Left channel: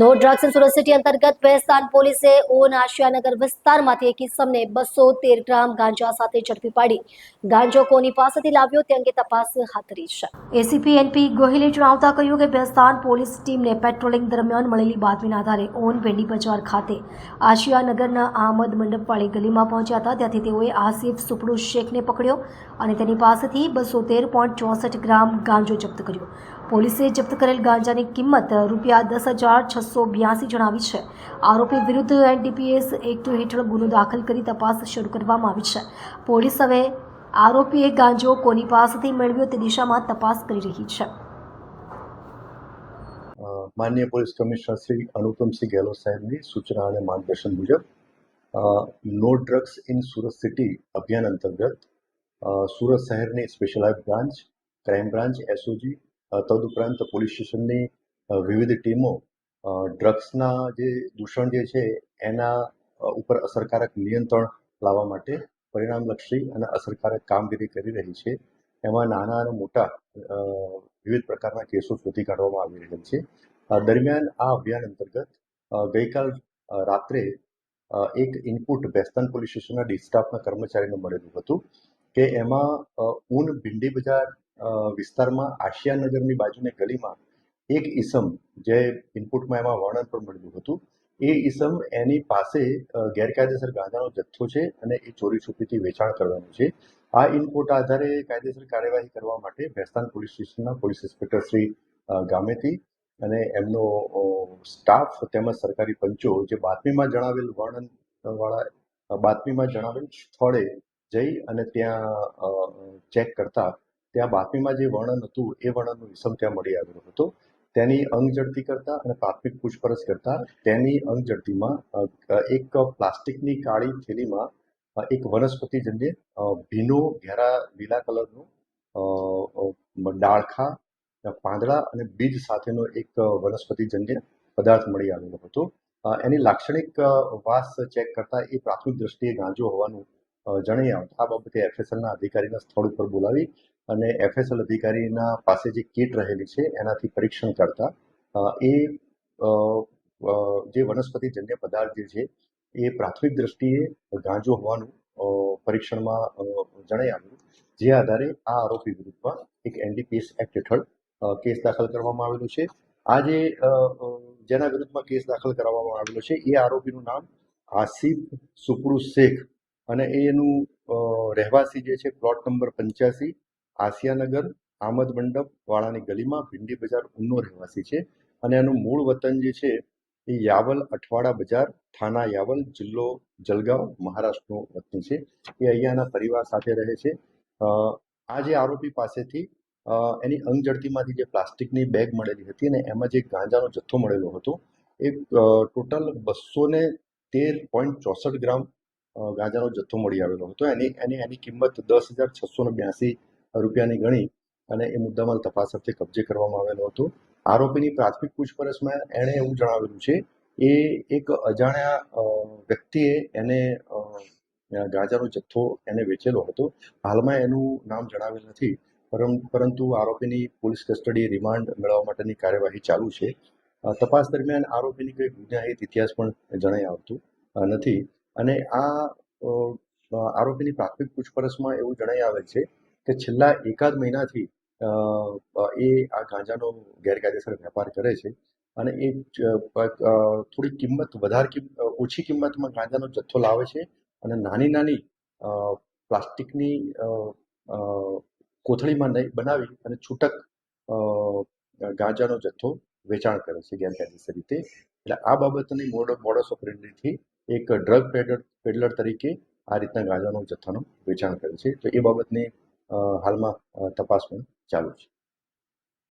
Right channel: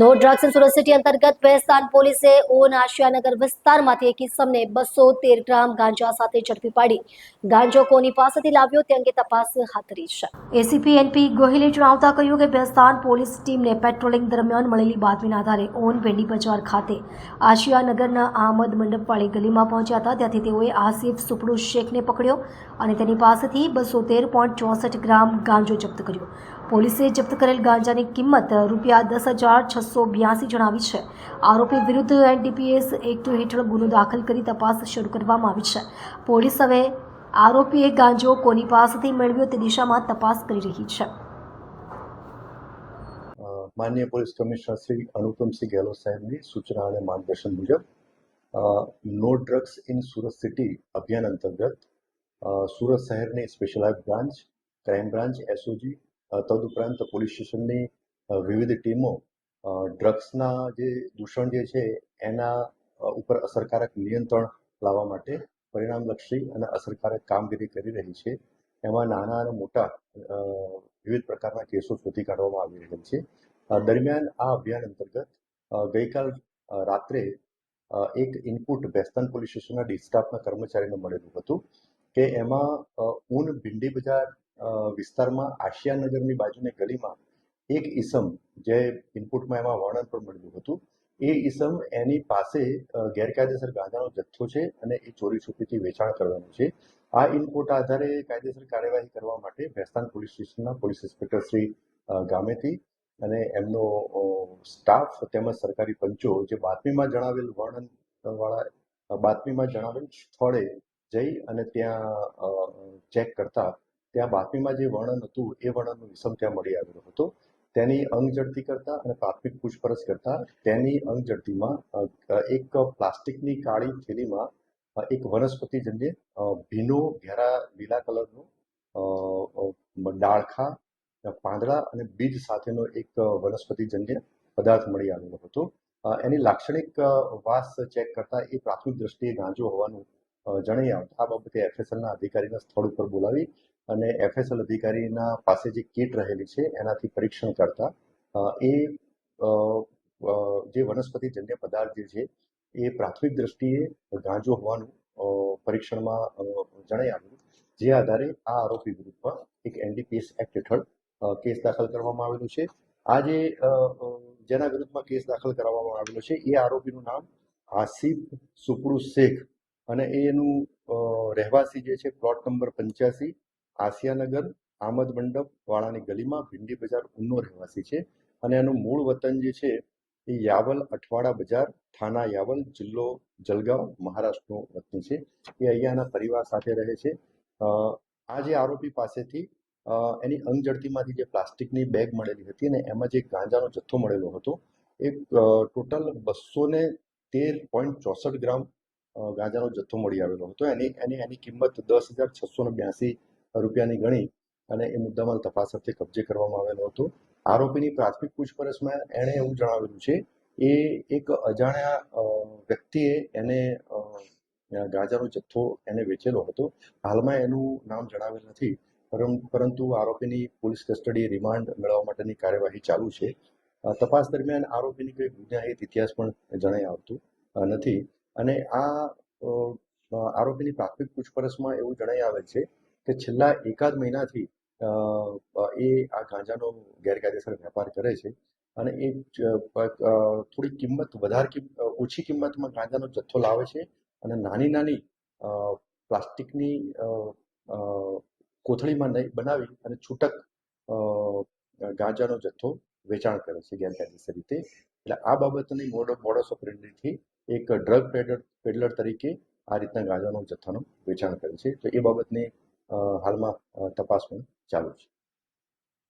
No drugs in Surat city અંતર્ગત વેસ્તાન પોલીસે on આશિયાનગર વિસ્તારમાંથી એક ઇસમને 213 ગ્રામ ગાંજા સાથે ઝડપી પાડી ગાંજો કોની પાસેથી લાવ્યો તે અંગે તપાસ હાથ ધરી છે. એસીપી એનપી ગોહિલે જણાવતા કહ્યું કે વેસ્તાન પોલીસ ટીમને પેટ્રોલિંગ દરમિયાન મળેલી બાતમીના આધારે ઓન ભેંડી બજાર ખાતે આશિયાનગરના આહમદ મંડપવાળી ગલીમાં પહોંચ્યા હતા. ત્યાંથી તેઓએ આસિફ સુપડુ શેખને પકડ્યો અને તેની પાસેથી 213.64 ગ્રામ ગાંજો જપ્ત કર્યો. પોલીસે જપ્ત કરેલ ગાંજાની કિંમત ₹10,682 જણાવી છે. આરોપી વિરુદ્ધ એનડીપીએસ એક્ટ હેઠળ ગુનો દાખલ કરી તપાસ શરૂ કરવામાં આવી છે. પોલીસ હવે આરોપીએ ગાંજો કોની પાસેથી મેળવ્યો તે દિશામાં તપાસ કરી રહી છે. માનનીય પોલીસ કમિશનર શ્રી અનુપમસિંહ ગેહલોત સાહેબની સૂચના અને માર્ગદર્શન મુજબ no drugs in Surat city અભિયાન અંતર્ગત સુરત શહેરની special branch, crime branch, SOG તદુપરાંત પોલીસ સ્ટેશનની વિવિધ ટીમો ડ્રગ્સના જે દૂષણ જે છે એના ઉપર અસરકારક નિયંત્રણ લાવવા માટે પરિણામલક્ષી અને અસરકારક કામગીરી કરી રહી છે. એમાં નાના અને મોટા વિવિધ પ્રકારના કેસો શોધી કાઢવામાં આવી રહ્યા છે. દરમિયાન આ અભિયાન અંતર્ગત ગઈકાલ રાત્રે એક ઇનપુટ વેસ્તાન પોલીસ સ્ટેશનના ડી સ્ટાફના કર્મચારીને મળેલું હતું કે એમાં ઊન ભીંડી બજાર વિસ્તારમાં આશિયાનગરની બાજુની ગલીમાં એક ઈસમ, જે ઇનપુટમાં એમાં વર્ણન પણ મળ્યું હતું, એ ઈસમ એની પાસે ગેરકાયદેસર ગાંજાનો જથ્થો છે અને એ ચોરી છુપીથી વેચાણ કરવાનું છે. આ ઇનપુટ આધારે કાયદેસર કાર્યવાહી કરવા માટે વેસ્તાન પોલીસ સ્ટેશનના પોલીસ ઇન્સ્પેક્ટર શ્રી ગામેતી અને એમનો સ્ટાફ તેમજ સરકારી પંચો જે બાતમીમાં જણાવેલ સ્થળે જઈ અને ત્યાં ચેક કરતા ત્યાં બાતમીમાં જે વર્ણન હતું એ વર્ણનનો ઈસમ ત્યાં મળી આવ્યો હતો. તેની અંગ ઝડપી કરતા અને પ્રાથમિક પૂછપરછ કરતા તેની અંગ ઝડપીમાં એક પ્લાસ્ટિકની કાળી થેલીમાં એક વનસ્પતિજન્ય ભીનો ઘેરા લીલા કલરનો ડાળખા, પાંદડા અને બીજ સાથેનો એક વનસ્પતિજન્ય પદાર્થ મળી આવેલો હતો. એની લાક્ષણિક વાસ ચેક કરતા એ પ્રાથમિક દ્રષ્ટિએ ગાંજો હોવાનું જણાઈ આવતા આ બાબતે એફએસએલના અધિકારીના સ્થળ ઉપર બોલાવી અને એફએસએલ અધિકારીના પાસે જે કીટ રહેલી છે એનાથી પરીક્ષણ કરતા એ જે વનસ્પતિજન્ય પદાર્થ જે છે એ પ્રાથમિક દ્રષ્ટિએ ગાંજો હોવાનું પરીક્ષણમાં જણાઈ આવ્યું. જે આધારે આ આરોપી વિરુદ્ધમાં એક એનડીપીએસ એક્ટ હેઠળ કેસ દાખલ કરવામાં આવેલો છે. આ જેના વિરુદ્ધમાં કેસ દાખલ કરવામાં આવેલો છે એ આરોપીનું નામ આસિફ સુપડુ શેખ અને એનું રહેવાસી જે છે પ્લોટ નંબર 85 આસિયાનગર આહમદ મંડપ વાળાની ગલીમાં ભીંડી બજાર ઉનનો રહેવાસી છે અને એનું મૂળ વતન જે છે એ યાવલ અઠવાડા બજાર, થાના યાવલ, જિલ્લો જલગાંવ, મહારાષ્ટ્રનો વતની છે. એ અહીંયાના પરિવાર સાથે રહે છે. આ જે આરોપી પાસેથી એની અંગ ઝડપીમાંથી જે પ્લાસ્ટિકની બેગ મળેલી હતી અને એમાં જે ગાંજાનો જથ્થો મળેલો હતો એ ટોટલ 213.64 ગ્રામ ગાંજાનો જથ્થો મળી આવેલો હતો. એની કિંમત ₹10,682 ગણી અને એ મુદ્દામાલ તપાસ અર્થે કબજે કરવામાં આવેલો હતો. આરોપીની પ્રાથમિક પૂછપરછમાં એણે એવું જણાવેલું છે એ એક અજાણ્યા વ્યક્તિએ એને ગાંજાનો જથ્થો એને વેચેલો હતો. હાલમાં એનું નામ જણાવેલ નથી, પરંતુ આરોપીની પોલીસ કસ્ટડી રિમાન્ડ મેળવવા માટેની કાર્યવાહી ચાલુ છે. તપાસ દરમિયાન આરોપીની કોઈ ગુનાહિત ઇતિહાસ પણ જણાઈ આવતું નથી અને આ આરોપીની પ્રાથમિક પૂછપરછમાં એવું જણાઈ આવે છે કે છેલ્લા એકાદ મહિનાથી એ આ ગાંજાનો ગેરકાયદેસર વેપાર કરે છે અને એ થોડી ઓછી કિંમતમાં ગાંજાનો જથ્થો લાવે છે અને નાની પ્લાસ્ટિકની કોથળીમાં બનાવી અને છૂટક ગાંજાનો જથ્થો વેચાણ કરે છે ગેરકાયદેસર રીતે. એટલે આ બાબતની મોડસ ઓપરેન્ડીથી એક ડ્રગ પેડલર તરીકે આ રીતના ગાંજાનો જથ્થાનું વેચાણ કરે છે. તો એ બાબતની હાલમાં તપાસ પણ ચાલુ છે.